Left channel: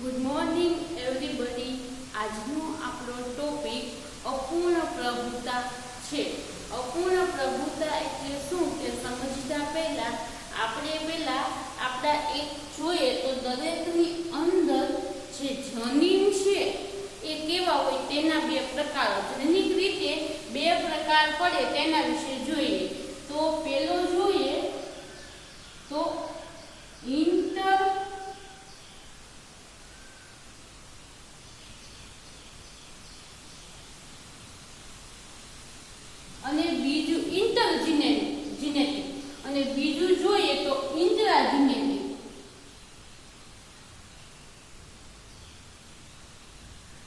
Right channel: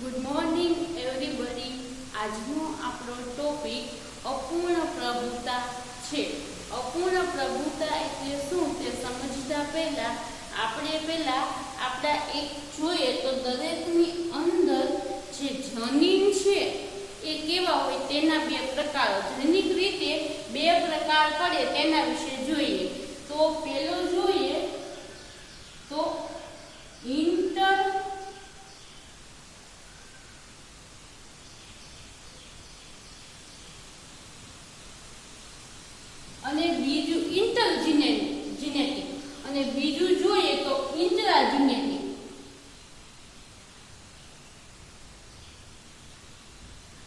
Good morning everybody. આજનો આપણો topic અપૂર્ણ પ્રભુતા છે. અપૂર્ણ પ્રભુતા એટલે શું કે સમજતા પહેલા આપણે આપણા એક જોઈએ તો દરેકની અંદર જે જનીન છે એ કેવા હોય તેના બે પ્રકારો, જનીનિક રીતે બે પ્રકાર પડે તેના વિશે જોઈએ. તો પેલો જોઈએ તો ઇન્ટર અને બીજું ઇન્ટરજીનેટિક અને બીજું જોઈએ તો ઇન્ટ્રાજીનેટિક.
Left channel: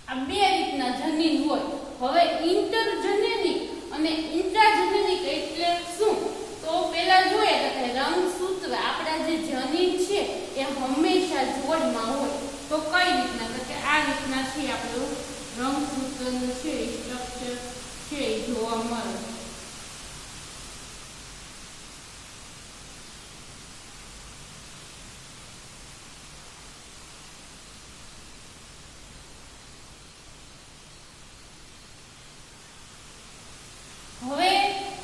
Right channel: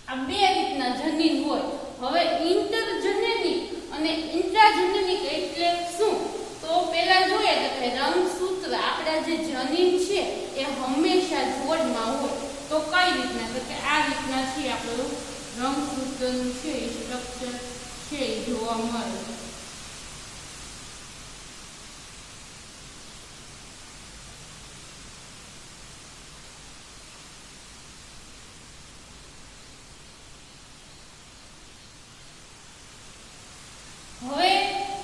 આ બે રીતના જનીન હોય. હવે ઇન્ટરજેનેટિક અને ઇન્ટ્રાજેનેટિક એટલે શું? તો પેલા જોઈએ તો કે રંગસૂત્ર, આપણા જે જનીન છે એ હંમેશા જોડમાં હોય. તો કઈ રીતના? તો કે આ રીતના છે આપણું રંગસૂત્રનું છે સ્ટ્રક્ચર છે એ જોવા મળે. હવે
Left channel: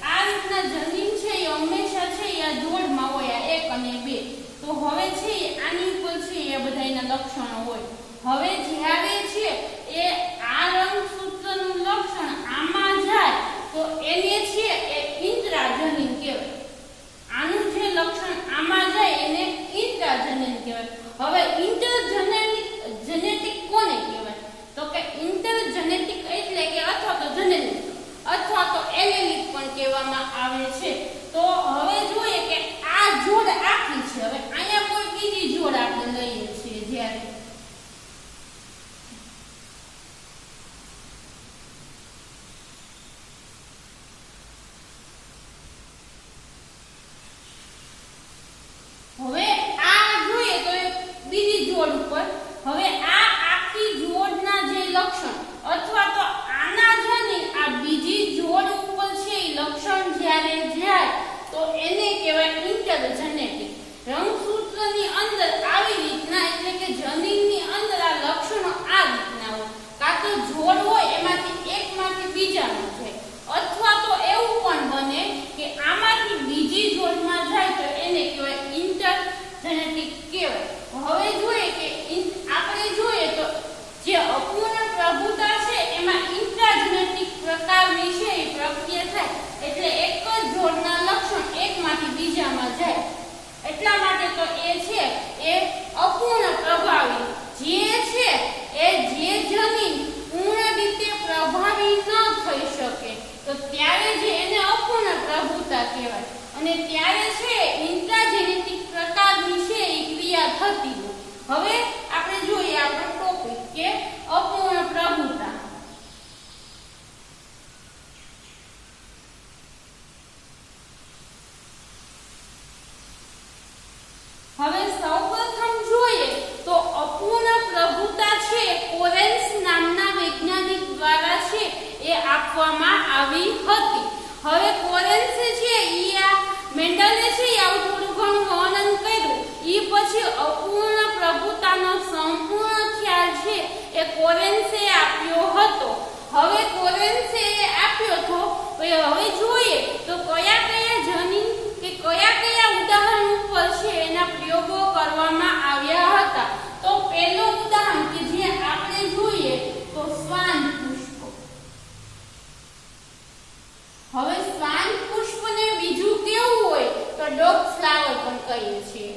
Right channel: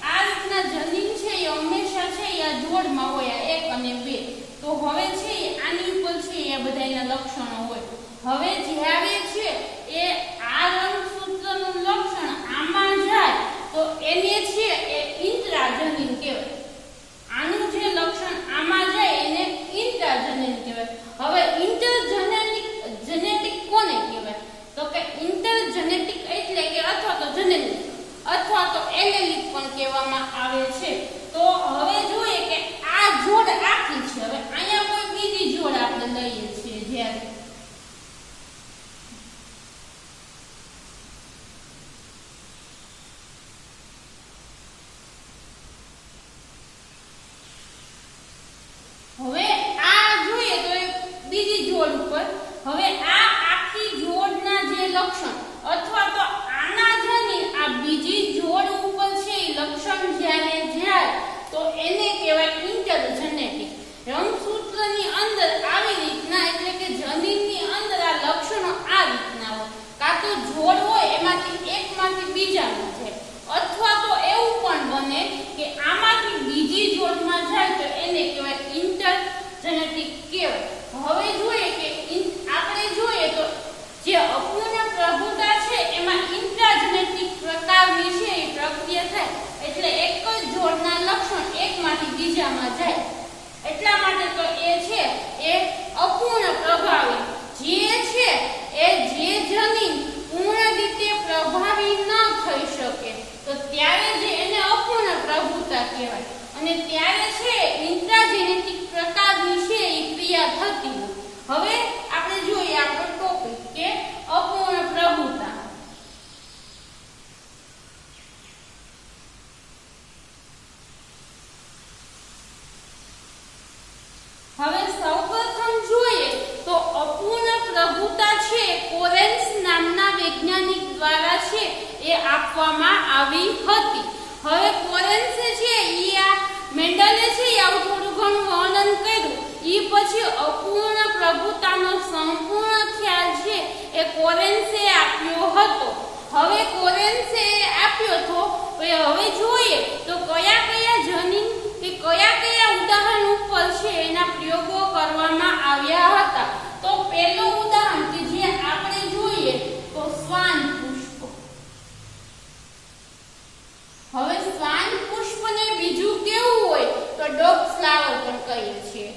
આ રીતના જનીન છે એ હંમેશા છે એ જોડમાં હોય, આ 1 અને 2. તો હવે છે આની ઉપર છે એ બધા એના લક્ષણો હોય. હવે જ્યારે છે એ આ રંગસૂત્રનું લક્ષણ આમાં જાય તો એને છે એ ઇન્ટ્રાજનીન કહેવાય. આનું જે લક્ષણ આમાં જાય એને ઇન્ટ્રાજનીન કહેવાય. હવે ઇન્ટરજેનેટિક કોને કહેવાય? તો કે ઇન્ટરજેનેટિક એટલે કે અથવા તો જનીનિક અથવા તો એલેલિક પણ કહેવામાં આવે છે. તો હવે જોઈએ કે આ જોડ આખી છે. હવે અહીંયા કોઈ બીજી જોડ આપણે લઈએ છીએ. જ્યારે હવે આ જોઈએ તો બીજી જોડ ઉપર હવે આ આખી જોડના જે લક્ષણ અથવા તો આના જનીન આ બીજી જોડ ઉપર છે એ લક્ષણ જ્યારે જાય તો એને કહેવાય ઇન્ટરજેનેટિક. રંગસૂત્રની અંદર આવી રીતના એટલે કે જનીનની અંદર આ લક્ષણો આ રીતના હોય. કાં તો જોડ હોય એમાંથી એકમાંથી બીજામાં જાય અથવા તો એવું પણ બને કે આમાંથી બીજી જોડમાં જાય તો એને કહેવાય ઇન્ટરજેનેટિક કહેવાય. હવે જોઈએ કે આપણે જોઈએ તો જે અપૂર્ણ પ્રભુતા છે એમાં ઇન્ટ્રાજેનેટિક પ્રકારની છે એ પ્રક્રિયા થાય એટલે એક જ જોડના લક્ષણ એકમાંથી બીજામાં જાય. એટલા માટે તો એ છે એ અપૂર્ણ પ્રભાવી. જે છે એ જે જનીન પૂર્ણ રીતે પ્રભાવી ન થઈ શકે તો ત્યારે જે એને અપૂર્ણ પ્રભુતા કહેવાય. અને ત્યારે છે ઇન્ટ્રાજેનેટિક પ્રકારની છે એ ક્રિયા થતી હોય. હવે આપણે જોઈએ આપણો ટોપિક કે અપૂર્ણ પ્રભુતા. હવે સૌપ્રથમ જોઈએ તો અપૂર્ણ પ્રભુતા છે કોરેન્સ નામના વૈજ્ઞાનિક દ્વારા છે એ આપવામાં આવી હતી. હવે કોરેન્સ છે ઈ આ મેન્ડલે છે આવું થોડું ઘણું વર્ણન કર્યું. ઈ પછી અપૂર્ણ પ્રભુતાનો સંપૂર્ણ ખ્યાલ છે એ કોરેન્સે આપ્યો હતો. હવે કોરેન્સે આપ્યો હતો. હવે જોઈએ તો કયા કયા જનીન કે કયા ઉદાહરણ ઉપર છે એના પ્રયોગો કરવામાં આવ્યા હતા. તો પહેલું ઉદાહરણ કે જે આપણે જોઈએ તો શ્વાન પુષ્પ. હવે શ્વાન પુષ્પને બીજું કેવું હોય તો ડોગ ફ્લાવર પણ કહીએ છીએ.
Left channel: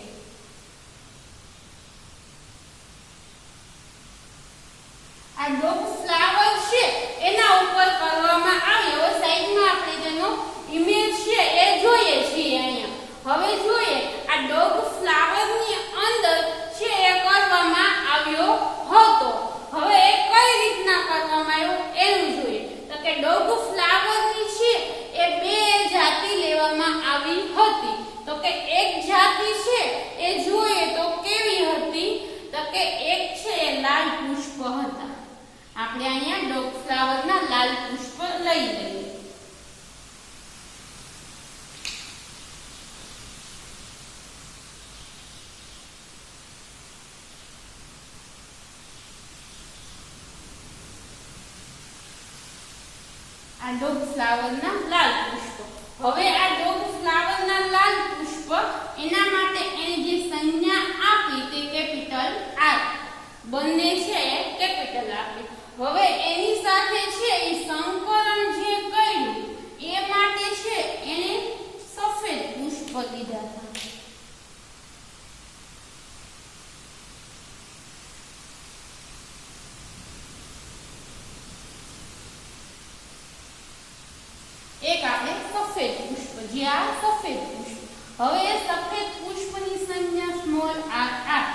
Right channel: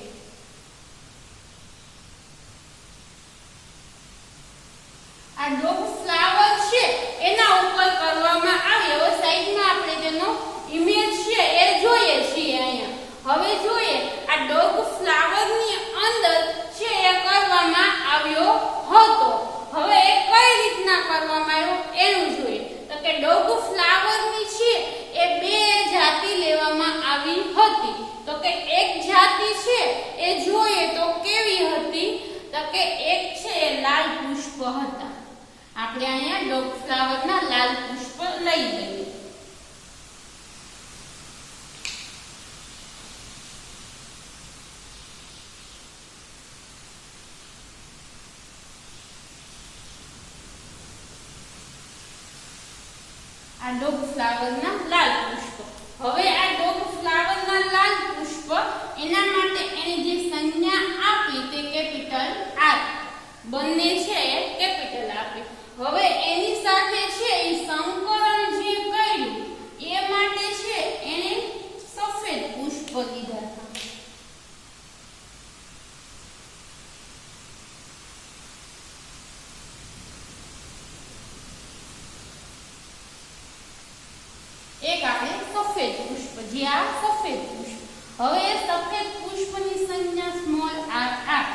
આ ડોગ ફ્લાવર છે એના ઉપર કરવામાં આવે. હવે સાઈડમાં આપણે તેનો ઇમેજ છે એ જોઈએ છીએ અહીંયા. હવે જોઈએ આ ડોગ ફ્લાવરની અંદર છે એ કરવામાં આવ્યો હતો. હવે એ કઈ રીતના કરવામાં આવ્યો એનું જોઈએ તો કે ડોગ ફ્લાવરની છે એ બે જાતિ લેવામાં આવી હતી. તો કે એક જાતિ છે એ જોઈએ તો કેવી હતી તો કે એક છે લાલ પુષ્પ હતા. આપણે અહીંયા ડોગ ફ્લાવરના લાલ પુષ્પ લઈ લઈએ. આ ડોગ ફ્લાવરના લાલ પુષ્પ. હવે આ ડોગ ફ્લાવરના લાલ પુષ્પ એના માટે એને જે સંજ્ઞા આપી તે કેપિટલ આર, બંને છે એ કેપિટલ આપી. હવે એની સાથે છે એ સંકલન જે કર્યું એ માટે છે એને સફેદ પુષ્પ લીધા હતા. એક આપણે સફેદ પુષ્પ, જે આ સફેદ પુષ્પ. હવે સફેદ પુષ્પની સંજ્ઞા સ્મોલ આર આર.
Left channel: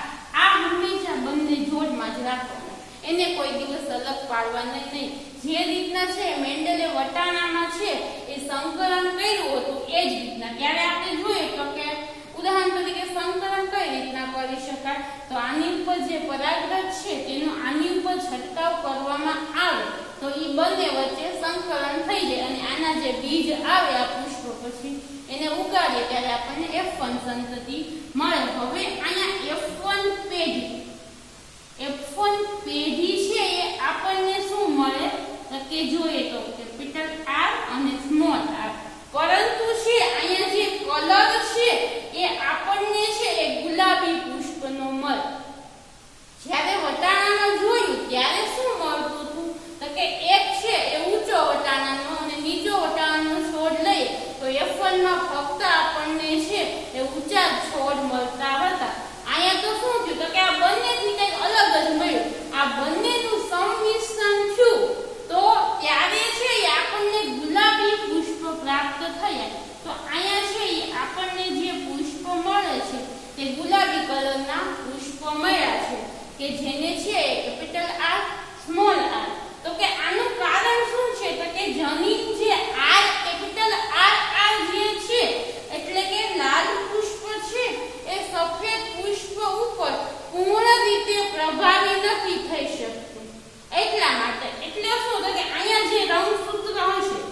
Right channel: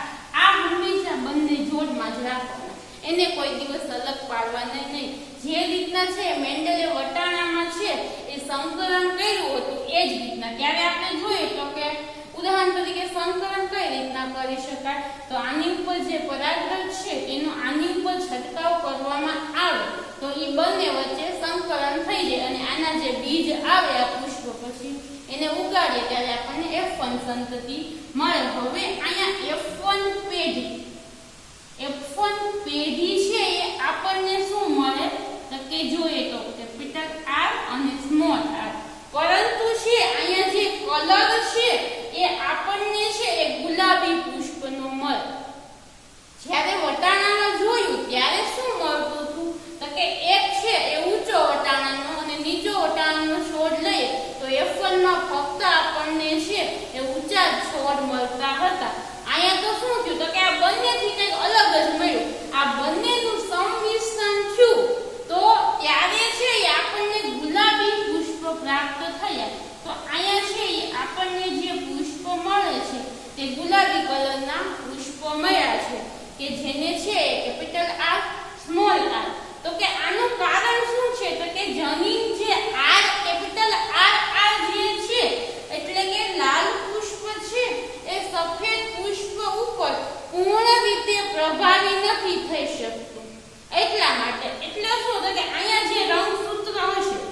આ હંમેશા બંને જોડમાં જ રાખવાના, એને કોઈ દિવસ અલગ પાડવાના નહીં. જે રીતના છે મેન્ડલે વટાણામાં છે એ સંકલન કર્યું હતું એ જ રીતના ત્યારે આપણે જોઈએ તો કે ઉદાહરણ તરીકે સંકલન કઈ રીતના કરી શકાય, તો આની ઉપર જે પરાગરજ છે તેનો આની ઉપર છંટકાવ કરવામાં આવે તો એ બંને વચ્ચે સંકલન થઈ જાય અને આના જે બીજ આવે આ પુષ્પ પછી એને ઉગાડે ત્યારે આપણને F1 સંતતિ મળે. હવે અહીંયા F1 પેઢી છે એ આપણને શું મળે તો કે જોઈએ તો કેપિટલ R અને સ્મોલ r. પરંતુ છે અહીંયા જે કલર છે એ આપણને છે એ ગુલાબી પુષ્પનો મળે. જ્યારે વટાણામાં જોયું ત્યારે શું મળતું હતું તો કે એક છે એ ઊંચો વટાણાનો અને નીચો વટાણાનો છોડ લઈએ તો F1 માં ફક્ત આપણને છે એ ઊંચા છોડ મળતા હતા. અહીંયા તો શું થયું તો કે આ બંનેથી કંઈક અલગ જ મળ્યું. આ બંનેનું સંમિશ્રણ થયું તો ત્યારે છે એ આપણને ગુલાબી પુષ્પ પ્રાપ્ત થયા. તો અહીંયા છે એ આપણને જે પુષ્પ મળે છે તે ગુલાબી કલરના પુષ્પ મળ્યા છે કે જેને છે કેપિટલ R સ્મોલ r. તો કે આનું કારણ શું છે તો કે જનીન જે R કેપિટલ R જે છે એટલે કે લાલ પુષ્પ છે એ સફેદ પુષ્પ ઉપર પૂર્ણ રીતે પ્રભાવી નથી થઈ શકતું. એટલા માટે એટલે શું તો કે અહીંયા જે રંગસૂત્ર હશે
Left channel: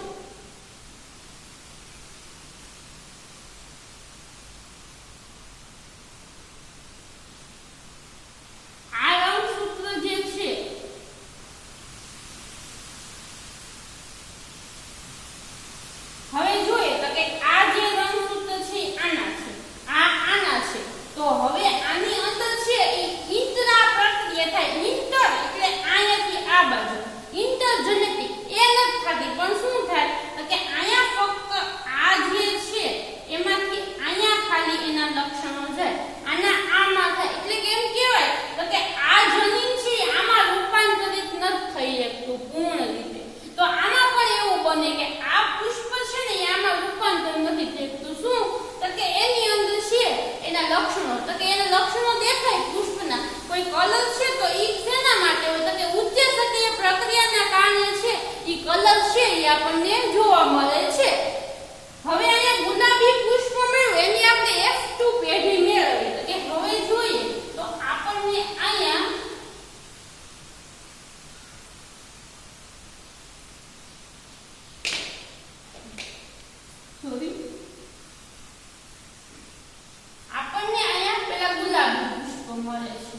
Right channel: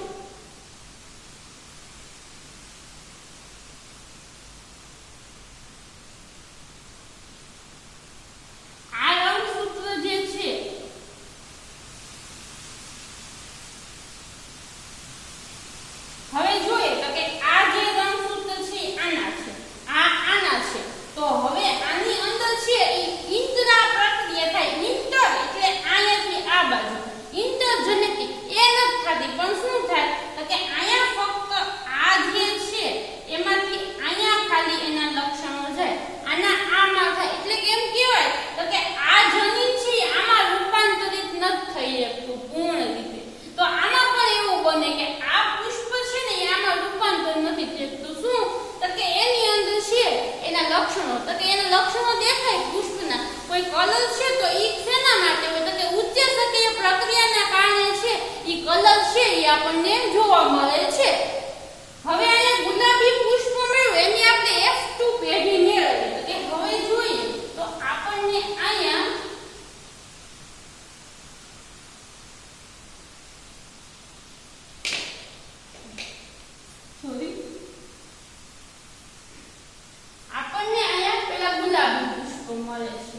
આપણને જોવા મળે છે. હવે અહીંયા ગુલાબી પુષ્પ મળ્યું એની આપણે F2 પેઢી મેળવી. કે હવે જોઈએ તો આપણને અહીંયા પેલા ગુલાબી પુષ્પ મળે છે.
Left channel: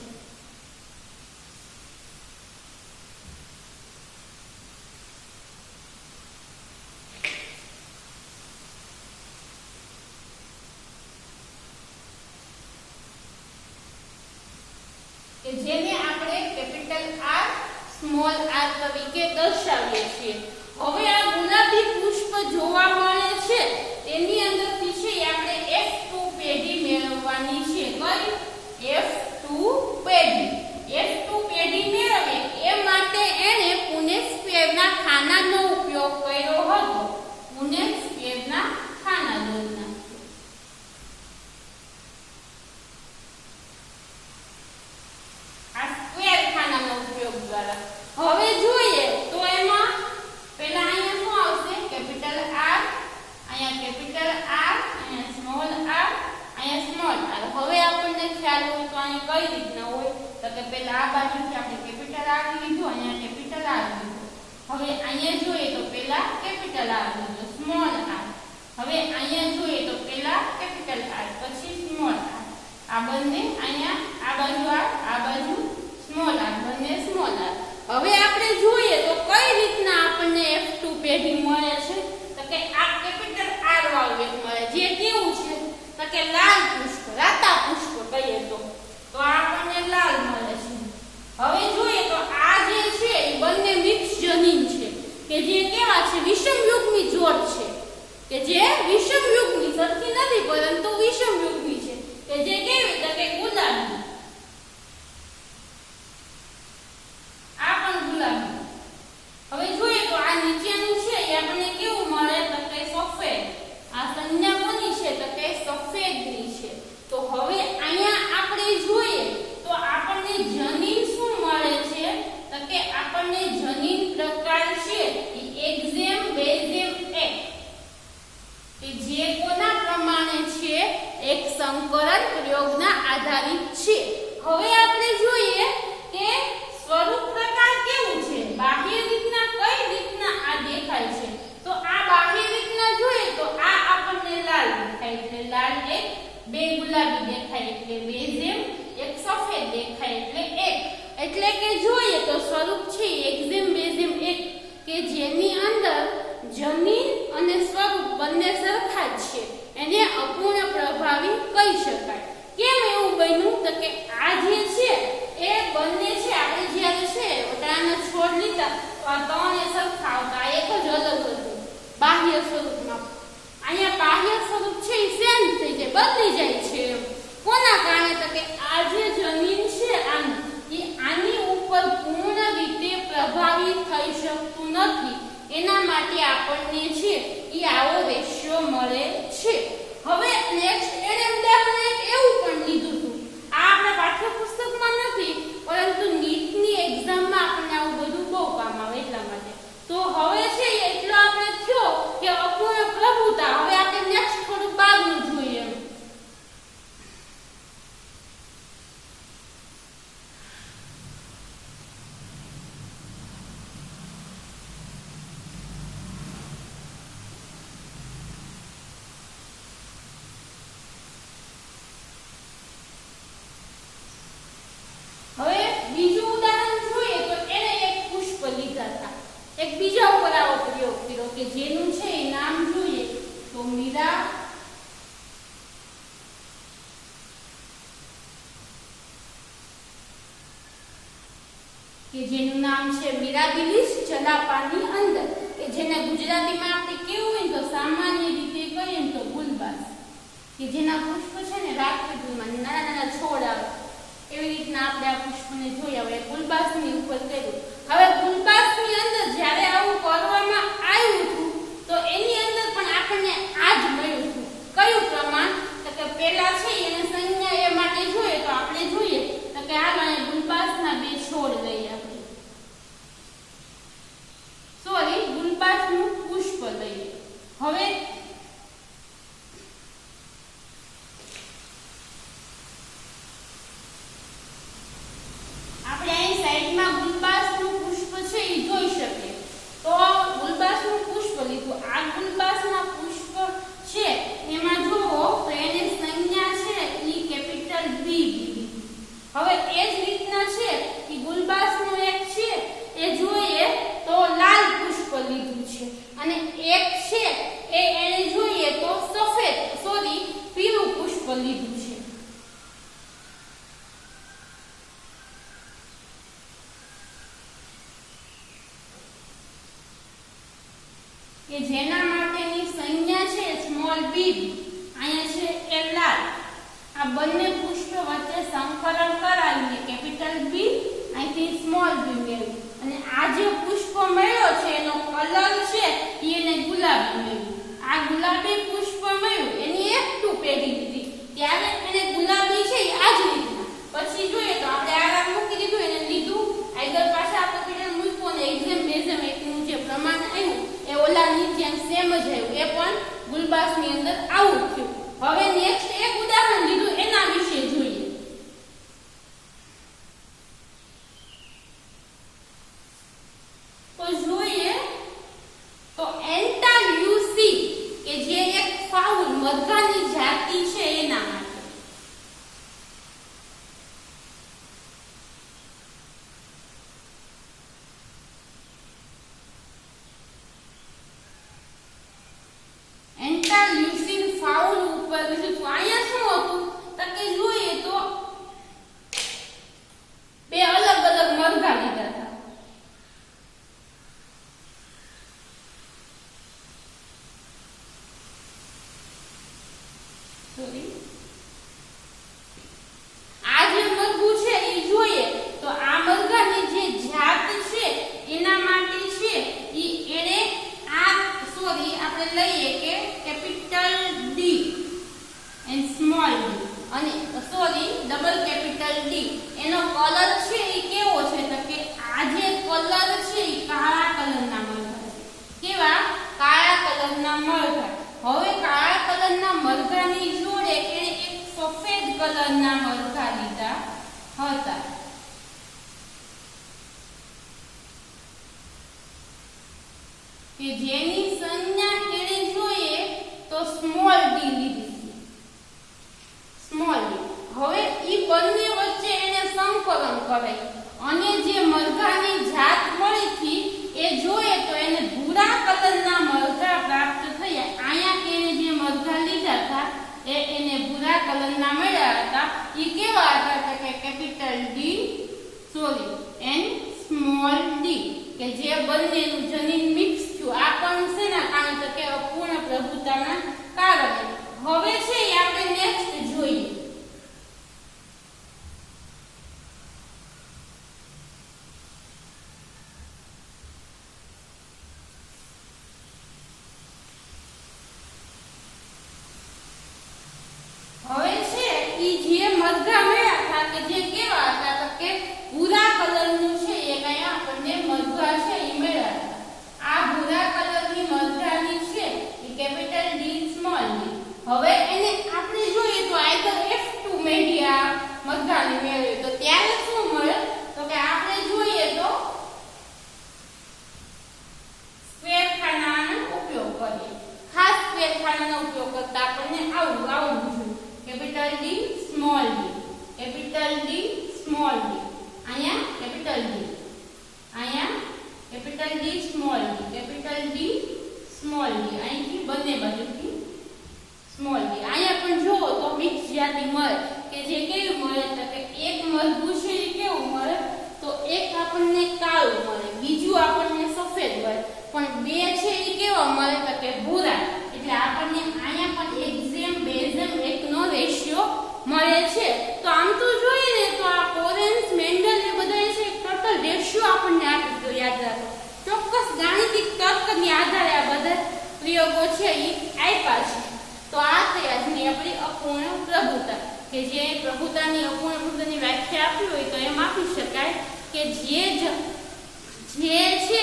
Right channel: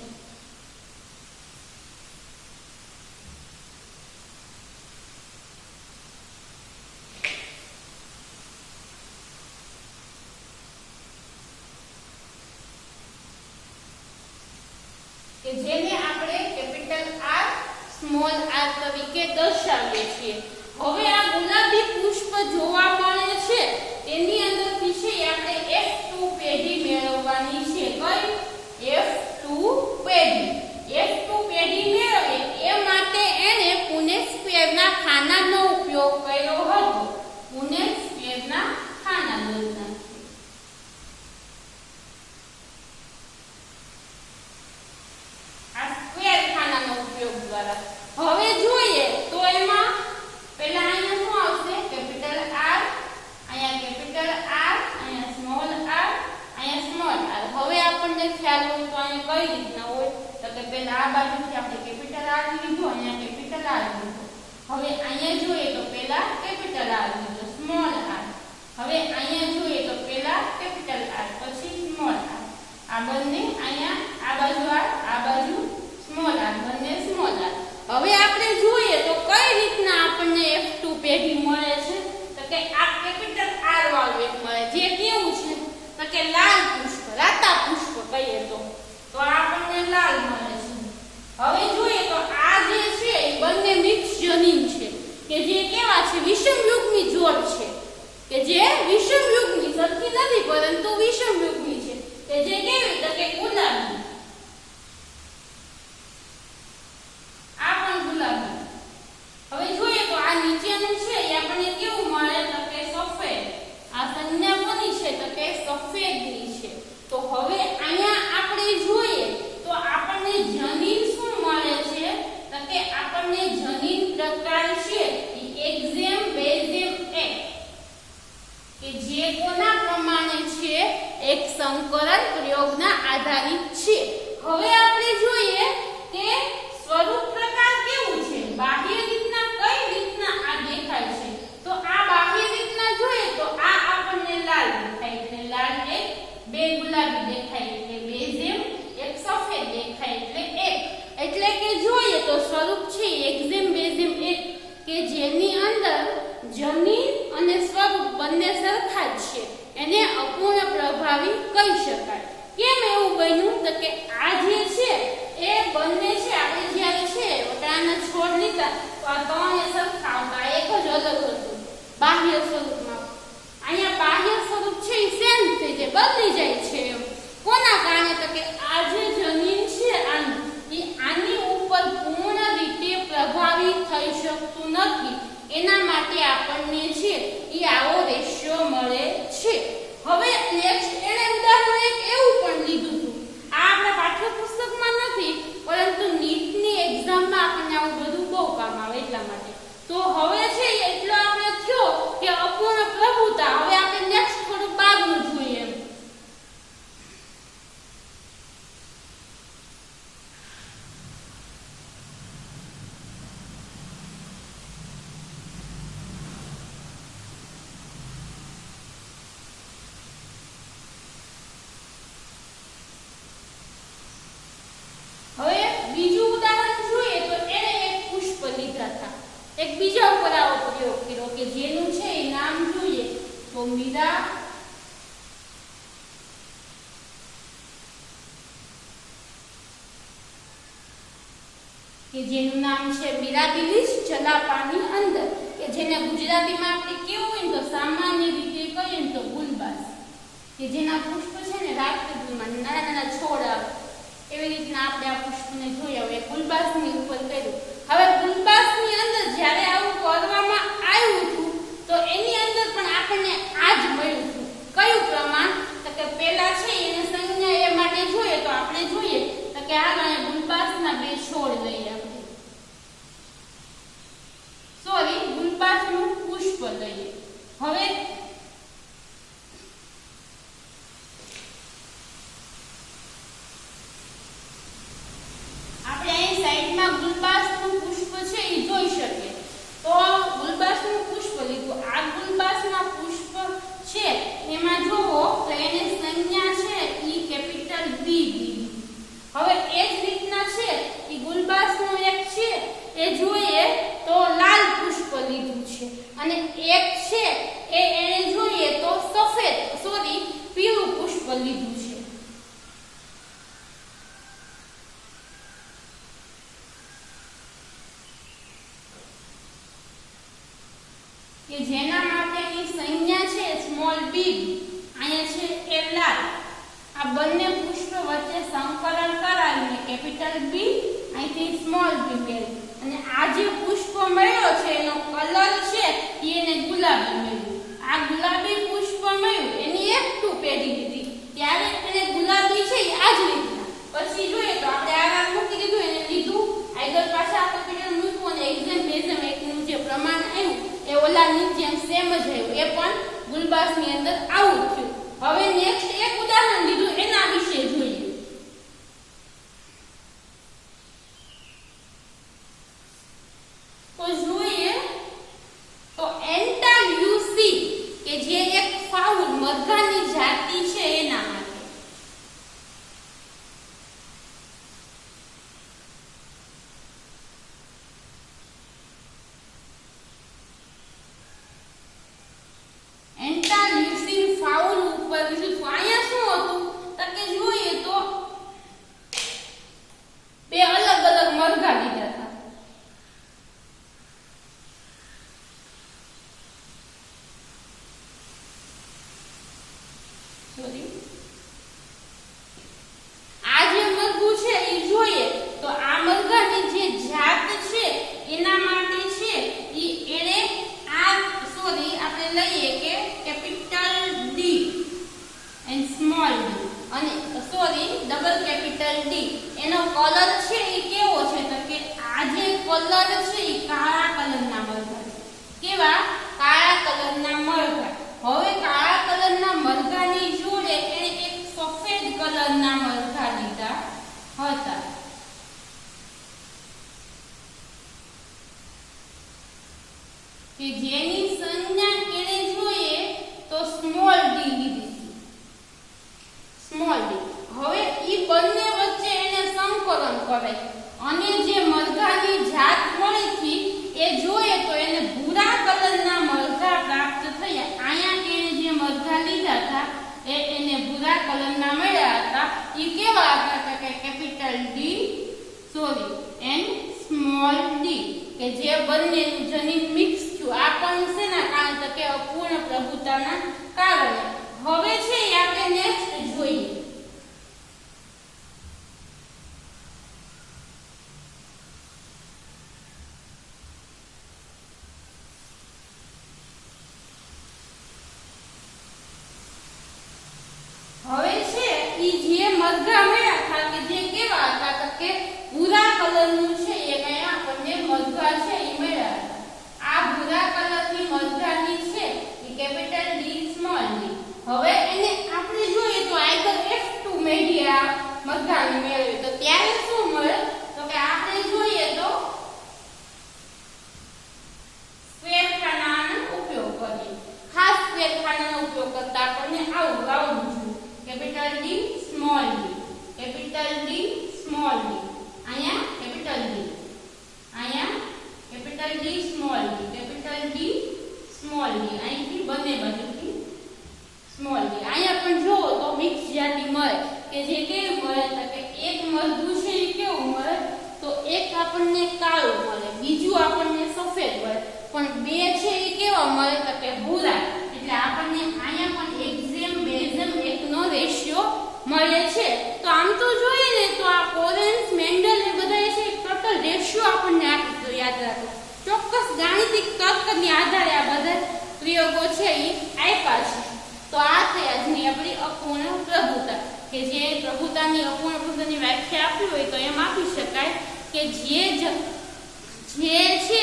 કે જેને આપણે કેપિટલ R સ્મોલ r તરીકે દર્શાવીએ છીએ. હવે આ ગુલાબી પુષ્પ જોવા મળે છે તેની અંદરથી છે આપણે F2 પેઢી મેળવવાની છે. કઈ F2 પેઢી મેળવીએ એ માટે એને પુનેટ સ્ક્વેરના ખાનાનો ઉપયોગ કર્યો હતો. પુનેટ સ્ક્વેરના ખાના દળના હવે જોઈએ તો એમાં પહેલા અહીંયા શું આવશે કેપિટલ R, અહીંયા કેપિટલ R, અહીંયા સ્મોલ r, અહીંયા સ્મોલ r. હવે આપણને ખ્યાલ હોય તો અહીં કઈ રીતના હોય તો કે પહેલા આ બાજુથી આપણે કેપિટલ R લીધું, અહીંયા કેપિટલ R લીધું. હવે અહીંયા જોઈએ તો પહેલા કેપિટલ R લીધું સ્મોલ r. હવે અહીંયા જોઈએ તો પહેલા કેપિટલ R પછી સ્મોલ r. આ બંને અહીંયા આ બાજુ r, આ બાજુ સ્મોલ r, બંને સ્મોલ r. હવે આપણે જોઈએ તો કઈ રીતના આપણને F2 પેઢી મળે છે તો કે આ કેપિટલ R વાળું એક મળે જે કેવું છે તો કે લાલ પુષ્પ રાતા પુષ્પ કહીએ તો આપણને લાલ મળે છે હવે જોઈએ તો આ જે છે એ બંને મિક્સ જનીન છે કે જે કેવા છે વિષમયુગ્મી જોડ છે કે જે વિષમયુગ્મી સરખી નથી પરંતુ વિષમયુગ્મી છે કે જે કેવી તો કે ગુલાબી આ પણ ગુલાબી હવે જોઈએ તો આ નીચેનું છે એ આપણને કેવું મળે તો કે સફેદ આ સંજ્ઞા કોની છે તો કે સફેદની છે તો હવે અહીંયા આપણે જોઈએ તો આપણને જનીન શું મળે છે તો કે આપણને જનીન પ્રકાર છે એ એક્ઝેમ બેઝેમ એક કે જે કોના પ્રમાણે છે એક સંકરણ પ્રયોગના આધારિત છે હવે આપણે જોઈએ કે સ્વરૂપ પ્રકાર કેવું છે બાહ્ય રીતના કઈ રીતના આ દેખાય છે તો આ બાહ્ય રીતના જોઈએ તો આ આપણને લાલ દેખાય એટલે લાલ એક બે ગુલાબી દેખાય એટલે બેઝેમ એક સફેદ દેખાય એટલે કે જોઈએ તો સ્વરૂપ છે એક્ઝેમ બેઝેમ એક કે જેની અંદર જમીન અને સ્વરૂપ બંને સરખા જ છે એને અપૂર્ણ પ્રભાવી કહી શકાય કેમ એવું બન્યું તો કે આ જે છે એ બંને છે આપણે જ્યારે છે વટાણાના છોડ લીધા તો આ ત્રણે સરખા હતા એક જ અલગ હતું બાહ્ય સ્વરૂપમાં અહીંયા બાહ્ય સ્વરૂપ છે એ ચેન્જ થઈ જાય બદલી જાય છે કોના કારણે તો કે આ જે જમીન છે આની ઉપર પૂર્ણ રીતે પ્રભાવિત થઈ શકતું નથી એના માટે આપણને છે એ આવો રેશિયો મળે છે હવે નેક્સ્ટ એને ઉદાહરણ એક એવું પણ લીધું હતું આ આપણા પાઠ્યપુસ્તકમાં નથી પરંતુ નીટની એક્ઝામમાં આપણને આવું બધું બહુ કામ આવે એટલા માટે તો હવે છે એટલો આપણે થયો કે અપૂર્ણ પ્રભુતા હવે આપણે નેક્સ્ટ થોડું બાદનું જોઈએ એમ હવે બીજું ઉદાહરણ જોઈએ તો એને એક પુષ્પ લીધા હતા એક બીજા ઉપર આવો પ્રયોગ કર્યો કે જેનું છે એ નામ જોઈએ તો મીરા કે જેનું નામ છે મિરાબિલિસ જલાપાની અંદર કે જેને ગુજરાતીમાં આપણે કેવું હોય તો સામાન્ય રીતે કહીએ તો ગુલબાસ કે જેના પુષ્પ છે ને રાત્રિમાં નાના નાના છોડ આવે એવી રીતના આપણે આ પુષ્પને જોયા હવે ગુલબાસની ઉપર કર્યું હવે ગુલબાસની અંદર જ્યારે આવું કરવામાં આવ્યું હતું તો એની અંદર પણ આપણને આ જ મળ્યું હતું કયું પ્રમાણ તો કે પહેલા છે એને સંજ્ઞા એ માટે જોઈએ તો આપણે જોઈએ તો કે આ મને ગુલબાસના બે છોડ લઈએ આપણે સોરી ગુલબાસનું પુષ્પ લઈએ હવે ગુલબાસનું પુષ્પ છે એ જોઈ શકે તો ગુલબાસનું પુષ્પ લીધું આ ગુલબાસના પુષ્પ છે એમાં જોવો તો એને સંજ્ઞા છે એ કેપિટલ બી હવે એ જ રીતના છે કે ગુલબાસનું એક છે એ જોઈએ તો લાલ પુષ્પ લીધું છે અને એક છે એને જોઈએ તો સફેદ સોરી પીળું પુષ્પ લીધું છે કે જેના માટેની સંજ્ઞા છે સ્મોલ બી અહીંયા છે એ લાલ આ બંને પુષ્પ વચ્ચે સંકલન કરાવીને કેપિટલ બી અહીંથી સ્મોલ બી મેળવી અને આ જે પુષ્પ મળ્યો છે એનો કલર છે એને ગુલાબી મળ્યું આ ગુલાબી પુષ્પ મળ્યું એની F2 પેઢી લીધી ત્યારે એને ગુલાબી છે આ જ રીતના પછી જોઈએ તો આપણે આ નામ મૂકી દીધું એને લીધું આગળ પાછા આ કેપિટલ મૂક્યું અને એક્ઝેમ બેઝેમ એકનું જે પ્રમાણ આવ્યું એ ઓલાની જેમ સેમ જ આવ્યું એ પણ ગુલબાસની અંદર આવું થયું હવે નેક્સ્ટ એક ઉદાહરણ લીધું એના વિશે જોઈએ તો જોઈએ તો એન્ટાલ્યુસી કે જે એક ફાઉલ મરઘાની જાતિ છે એના માટે સોરી ડબલ કેપિટલ ડી એનો કલર છે એ કેવો છે તો કે આ જે કલર છે એ કાળા કલરના મરઘા છે. કેવા? કાળા કલરના મરઘા. હવે કાળા કલરના મરઘાની જોડે એને એક સફેદ કલરના મરઘા લીધા હતા. કે જેની સંજ્ઞા એને જોઈએ તો સ્મોલ ડી લીધી. Small D. હવે ઈ બંને વચ્ચે એને સંકલન કરે અને જે મરઘાની જાત મળી હતી એ જોઈએ તો એને ભૂરા કલરના મરઘા પ્રાપ્ત થયા. અહીંયા એને જે મરઘા લીધા હતા એને ભૂરા કલરના મળ્યા હતા. ઈ કેવા હતા કે capital D sorry and small D કે જે બંનેનું જનીન મિક્સ થયું. આ પણ શેના કારણે તો કે અપૂર્ણ પ્રભુતાના કારણે. હવે છે આપણે નેક્સ્ટ જોઈએ. હવે છે ઈ જે મરઘા મળ્યા હતા કે જે કેવા હતા તો કે ભૂરા કલરનું છે એ કઈ આપણને મરઘા છે એ મળ્યા હતા. આ ભૂરા કલરની મરઘાની છે એ કેપિટલ ડી સ્મોલ ડી. હવે એને આપણે જોઈએ તો આઈધર F2 મેળ્યા મરઘાની મેળવી તો ત્યારે શું મળે તો કે આપણે જોઈએ તો સ્ક્વેર ખાનાનો ઉપયોગ કરીએ. ખાસ સ્ક્વેર ખાનાનો ઉપયોગ કરતા આપણને આવું જોઈએ. Capital D small D capital D small D અહીંયા કેપિટલ ડી અહીંયા capital D small D capital D small D અહીંથી બંને બાજુથી સ્મોલ ડી. અહીંયા પણ જોવો તો મિક્સ જાતિ મળે કે જે કેવું મળે તો કે એક મરઘું છે એ કેવું મળે તો એક આપણને કાળું મળે બીજું આપણને સફેદ મળે પણ બે છે એ કેવા મળે તો કે ભૂરા. એટલે આપણને અહીંયા પણ એક્ઝેમ બેઝેમ એકનો રેશિયો મળે છે. તો આમ તો જોઈએ ને તો આ કોરેન્સ મેન્ડલ એ બધા છે ટોટલ રેશિયો આપણને આપી તો યાદ રાખો. ચોક્કસ ગાણિતિક તર્કની આધારે આ બધા પ્રયોગો છે એ આપ્યા છે. તો આ છે આજની આપણી અપૂર્ણ પ્રભુતા કે જે પ્રભુતાની અપૂર્ણ પ્રભુતાની વ્યાખ્યા આપી હોય તો એમ આપી શકાય કે જે છે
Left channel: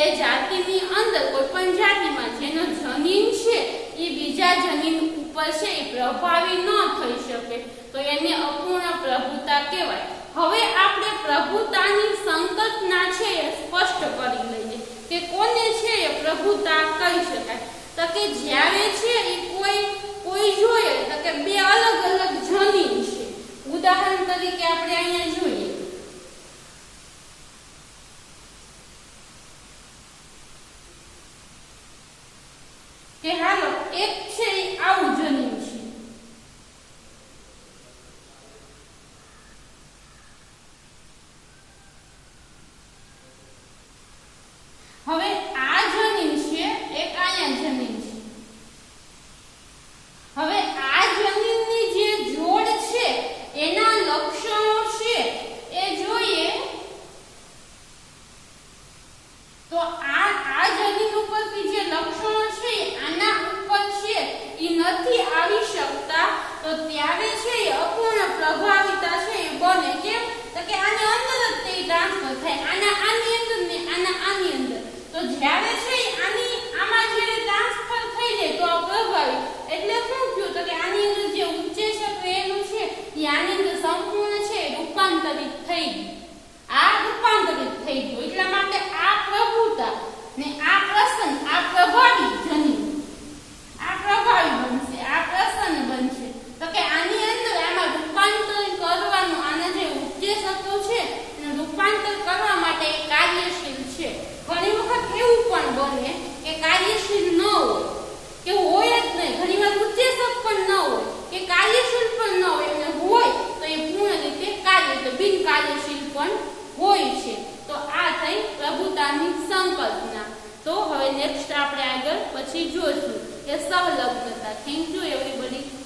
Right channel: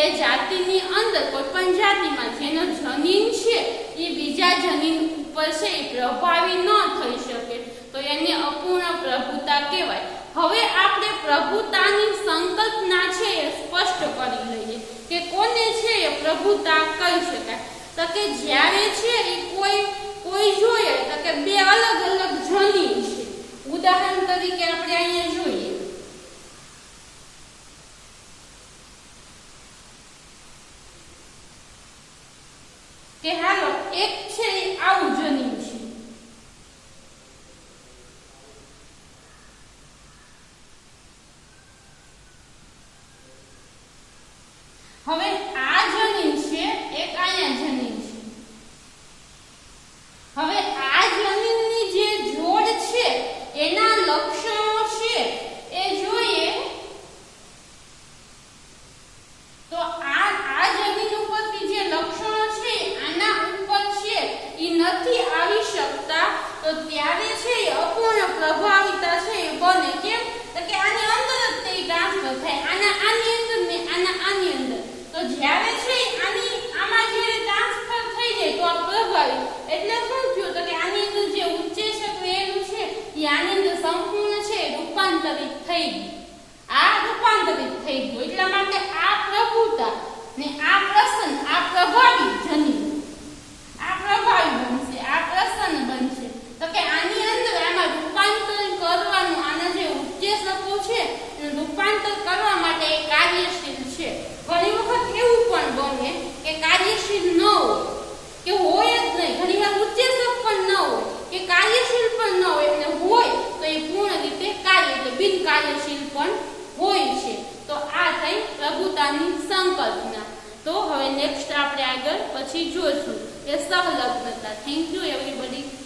એ જાતિની અંદર કોઈ પણ જાતિમાં જેનો જનીન છે એ બીજા જનીન ઉપર છે એ પ્રભાવી ન થઈ શકે તો એને અપૂર્ણ પ્રભુતા કહેવાય. હવે આપણે પ્રભુતાની સંકલ્પના છે એ સ્પષ્ટ કરી લઈએ કે કોને છે એ પ્રભુતા કહી શકાય તો કે જ્યારે છે એ કોઈ જોઈએ તો કે બે અલગ અલગ જનીન છે. ઉદાહરણ તરીકે આપણે અહીંયા જોઈએ કે હાલો એક છે આવું જનીન છે હવે આ જનીન છે એક અહીંયા જનીન છે. હવે આ જનીનની જે જોડ છે એના લક્ષણો છે એ જોઈએ તો આ જનીન ઉપરથી જે લક્ષણો છે આના ઉપર છે એ નથી આવી શકતા તો ત્યારે છે એ અપૂર્ણ પ્રભાવિતા છે એ બને. કેમ તો કે આની અંદર જ તે ટ્રાન્સફર થાય આની અંદર ને આની અંદર તો જ્યારે છે આમાં જે ટ્રાન્સફર થઈ જાય તો આ પ્રભાવિત એટલે શું થયું તો કે આની અંદર જે ઉચ્ચેશક રહેલું છે એ આની અંદર સંપૂર્ણ છે રૂપાંતરિત થઈ ગયું. આ રૂપાંતરિત થઈ ગયું એટલા માટે આ પ્રભુતા ને આ પ્રસન્ન આ પ્રભાવી જનીન આ પ્રભાવી બનશે આ પ્રસન્ન બનશે તો કે આની અંદર એમાં રૂપાંતર કરવાનું આના જે ઉચ્ચેશકો છે એને રૂપાંતર કરવા માટે એ કાર્યશીલ છે. ઘણી વખત એવું પણ બને કે કાર્યશીલ ન હોય કે હોય જ નહીં. ઘણી વાર ઉચ્ચેશક પણ ન હોય કે કાર્યશીલ પણ ન હોય એટલે હોય તો એ પૂર્ણ રીતે કાર્ય એટલે બિન કાર્યશીલ પણ હોય છે. તો આ થઈ પ્રભુતાની સંકલ્પના. તો હવે નેક્સ્ટ આપણે આગળ પછી જોઈશું એ સહલગ્નતા. Thank you everybody.